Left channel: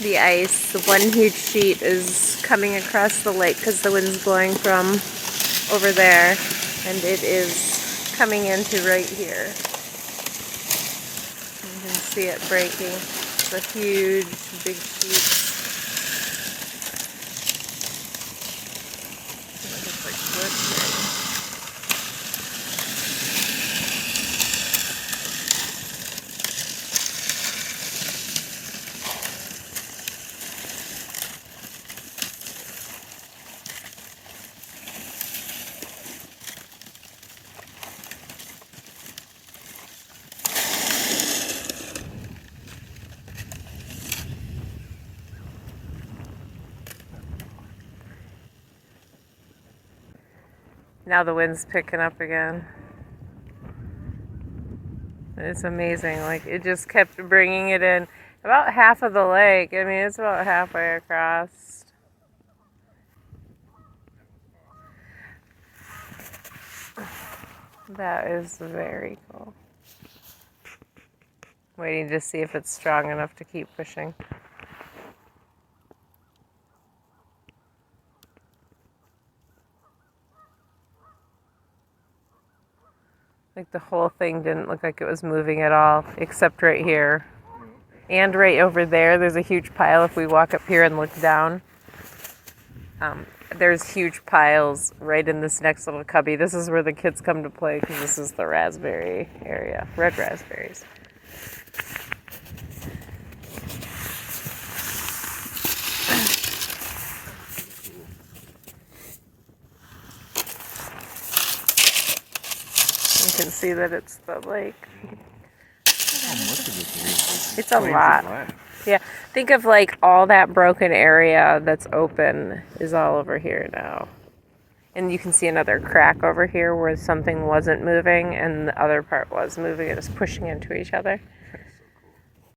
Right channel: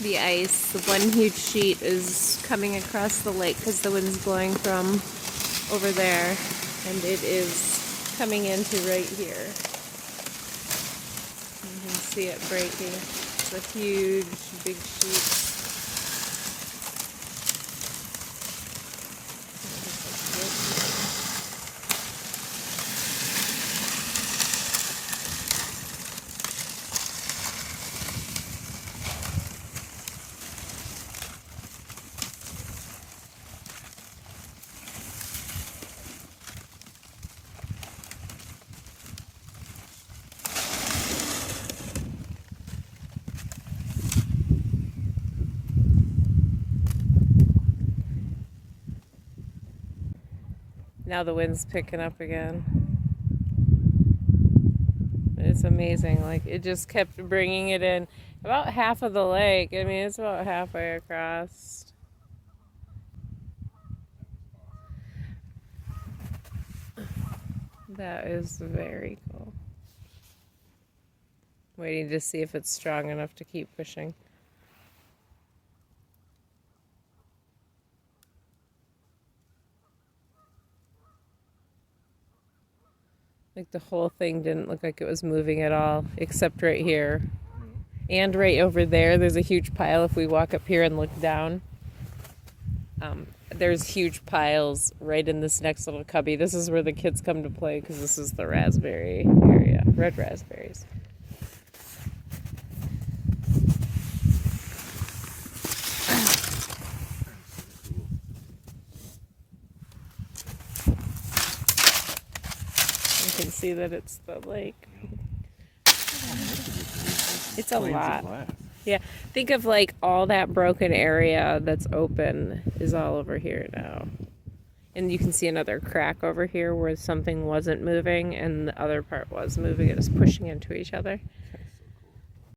the ice. The one huge sheet is coming across the lake because the wind's blowing from over there, and it is coming into right here. You can see it breaking. It's a huge, big sheet. Just like wood. Now the wind's picking up again. It's amazing. Like, it just kept bringing it in. About half of the lake. I mean, it's about halfway across. That is very cool. Waiting to see if it's strong enough to keep pushing. Like, the whole thing didn't look like it was moving at all, except right here. And right over there, there's a huge pile. If we walk up here and look down, there's huge piles right in this next little cubby. This is where the kids come to play because this is the raspberry area, red raspberries. You can see that it's the lake. It's a lot. Yeah, think of like all that broken area that's open is all over here now. And you can see another crack over here where something wasn't moving and the other part was moving. It was pushing into each other.